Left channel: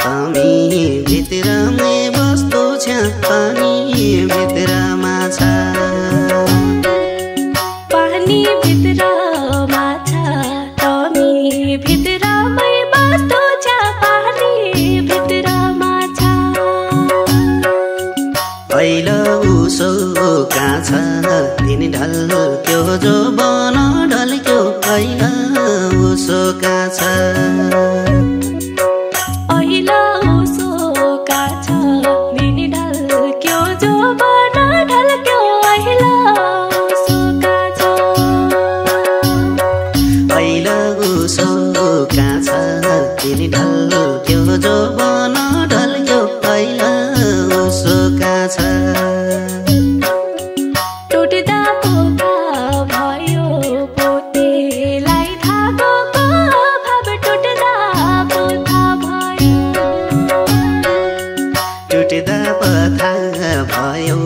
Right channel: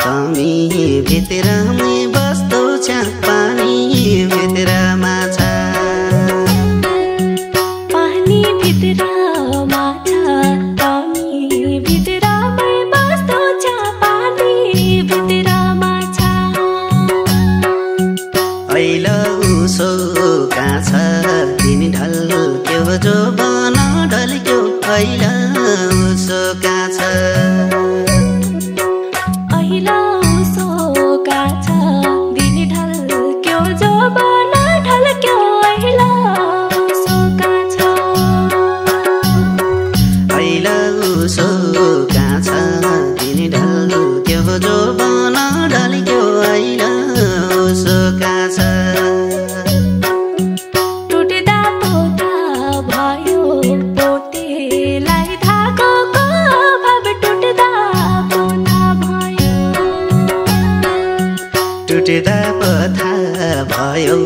कमी भित्रमै बस्तो छ पानी भित्रमा छ पानी भित्रमा छ कमी भित्रमै बस्तो छ पानी भित्रमा छ पहिलो उसो काछ तिमी ढल्क्यो जो बन ढल्क्यो पहिलो उसो काछ छुट्दा पथा भयो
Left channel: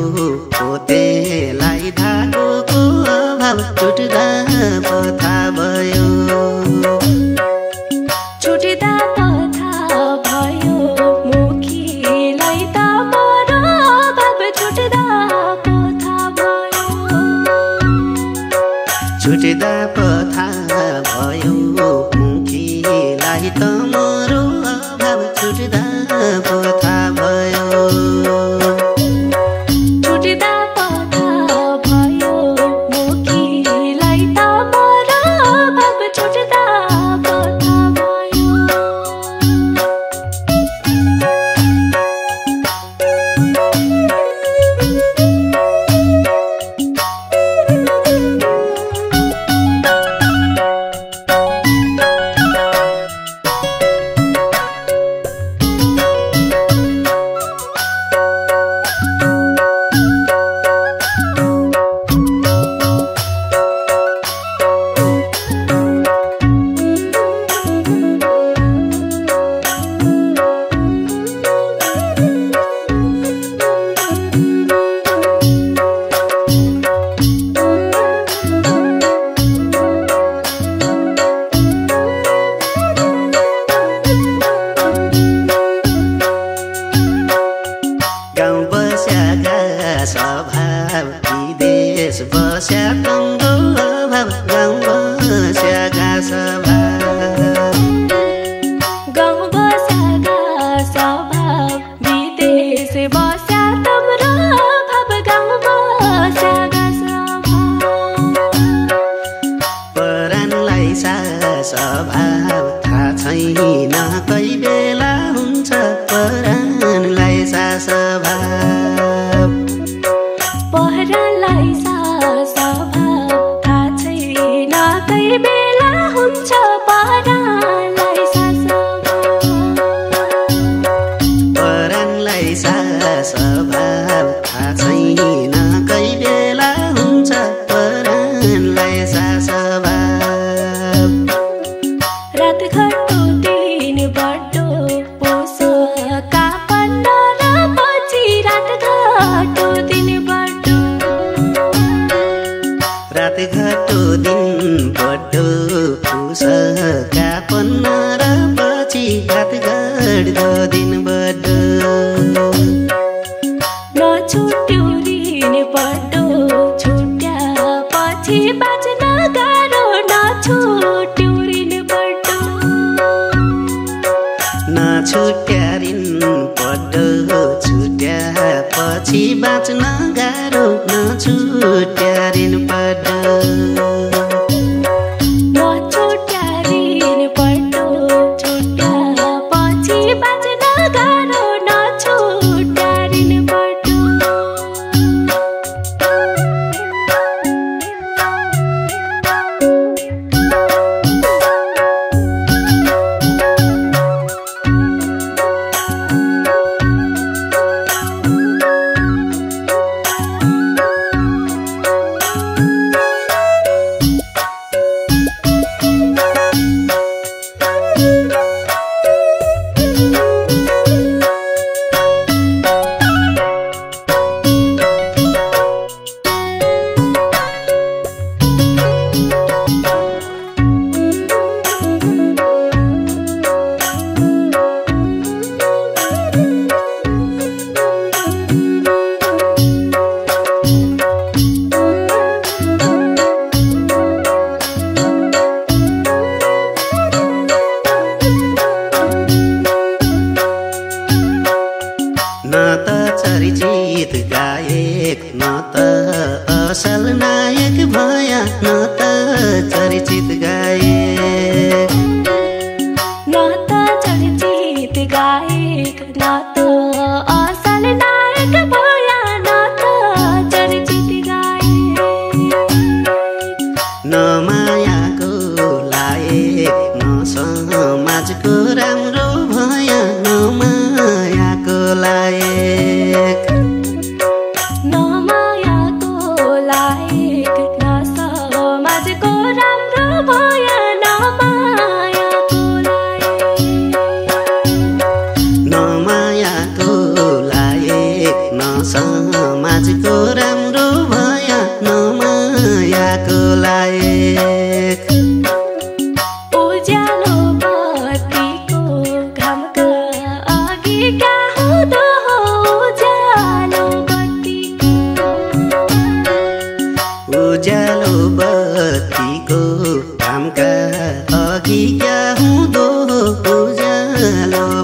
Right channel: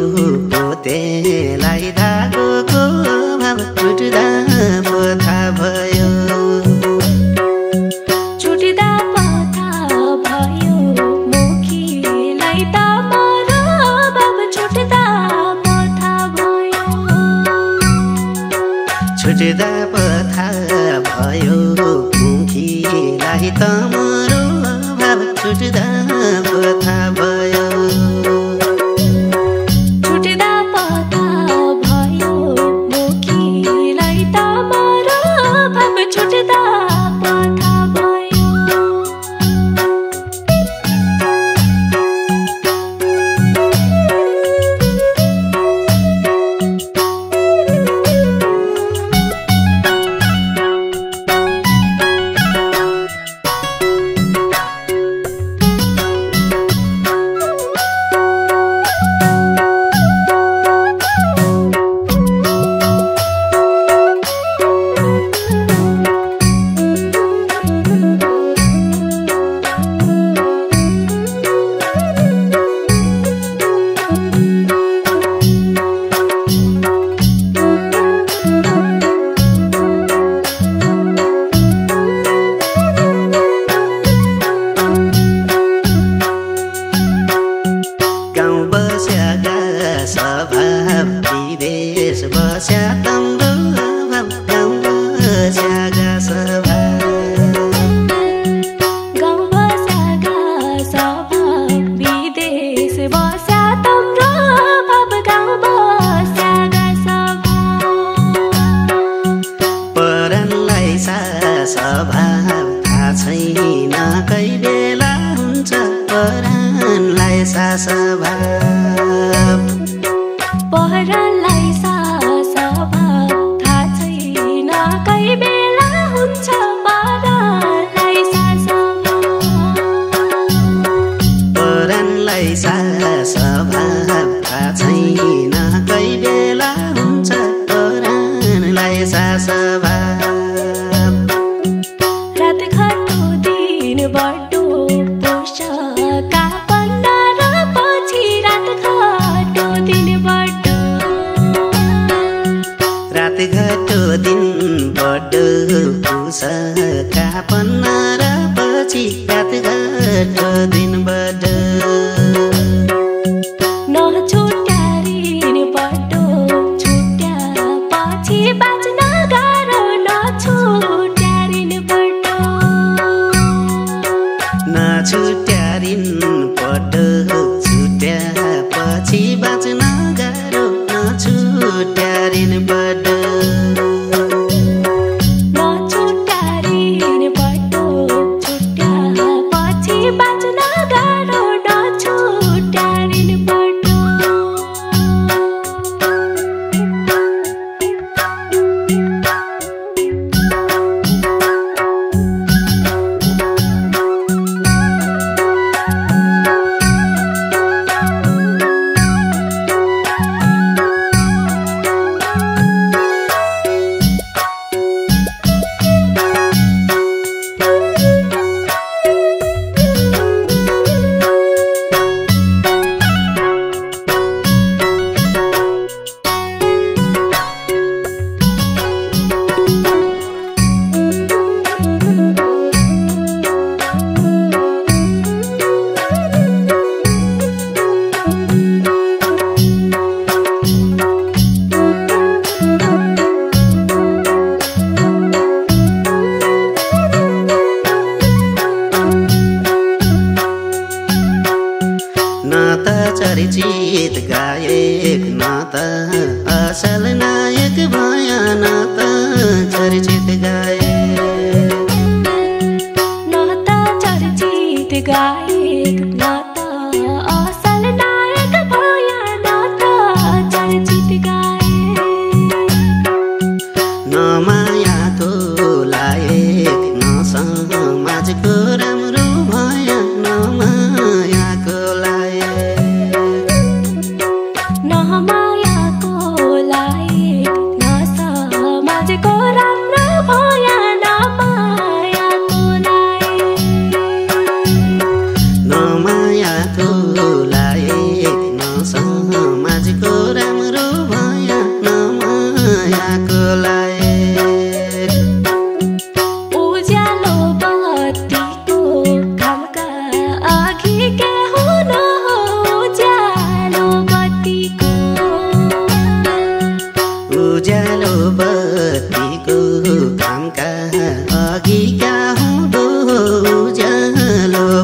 मुखीलाई त मरो भाव छुट्दा पथा भयो छुट्दा पथा भयो मुखीलाई त मरो भाव छुट्दा पथा भयो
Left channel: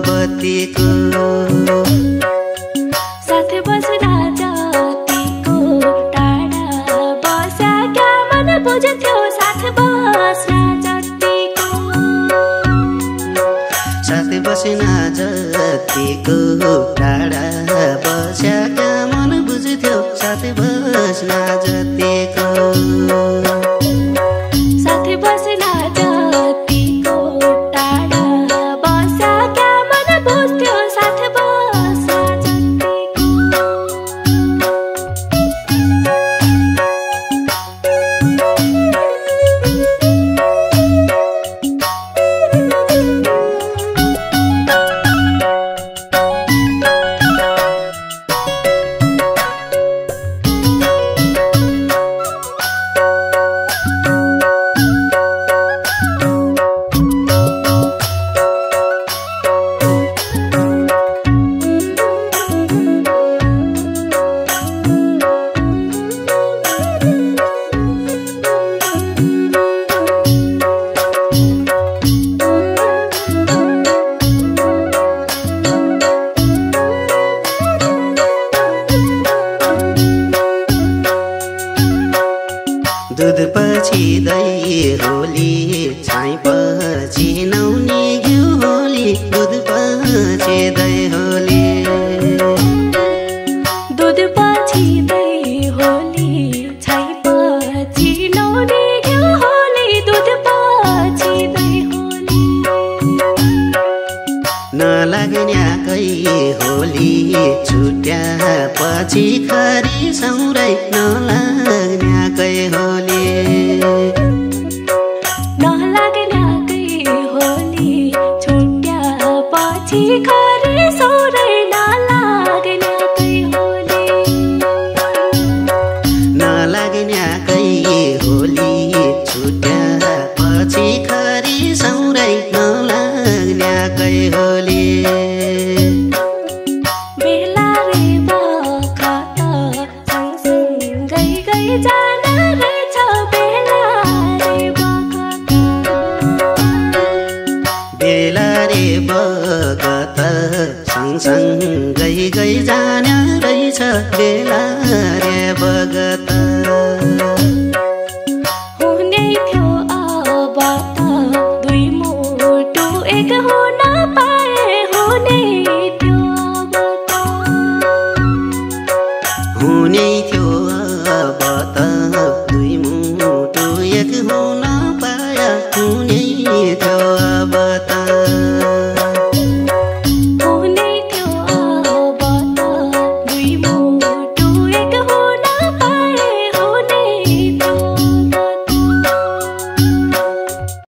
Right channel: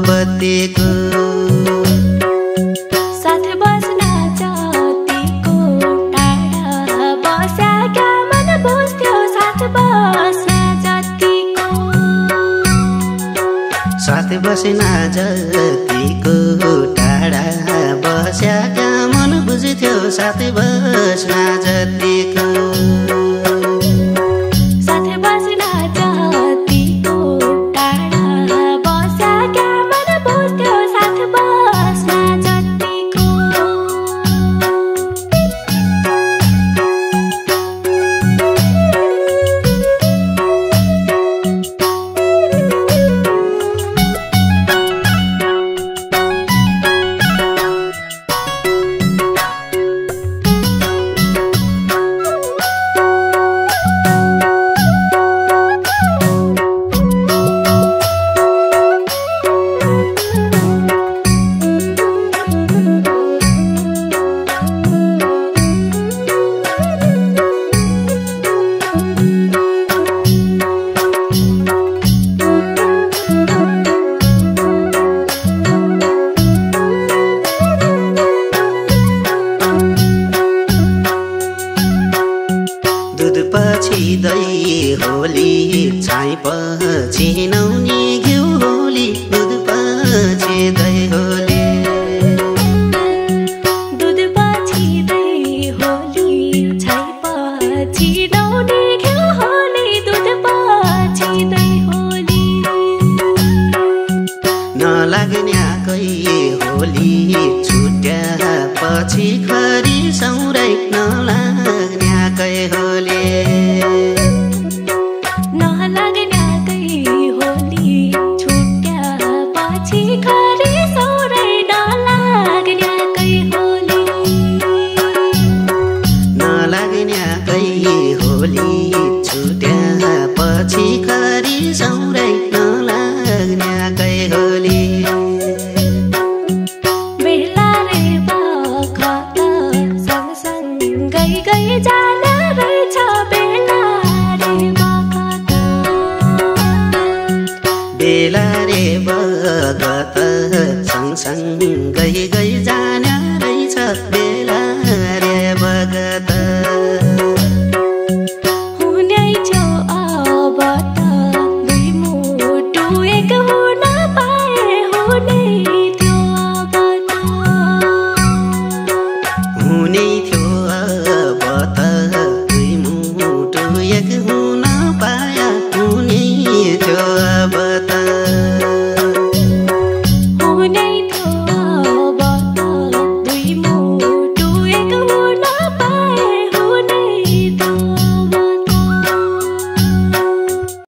बत्तीको साथ बस्न जतिको टाढा बस्याका मन बुझ्थ्यो साथ बस्न जतिको साथ बस्न जतिको टाढा बस्याका मन बुझ्थ्यो साथ बस्न जतिको साथ बस्न जतिको टाढा बस्याका मन बुझ्थ्यो साथ बस्न जतिको दूध पछि दही होली छाई पछि नुनी घिउ होली दूध पछि दही होली दूध पछि दही होली छाई पछि नुनी घिउ होली दूध पछि दही होली नलाग्न्याकै होली छुट्या पछि खरी सौरै नलाग्न्याकै होली नलाग्न्याकै होली छुट्या पछि खरी सौरै नलाग्न्याकै होली नलाग्न्याकै होली छुट्या पछि खरी सौरै नलाग्न्याकै होली बेला रे बखत सँगसँगै गई जान रहेछ बेला रे बखत बेला रे बखत सँगसँगै गई जाने रहेछ बेला रे बखत हुने थियो अब त दुई मुटु एक हुन पाए हुने थियो अब त हुने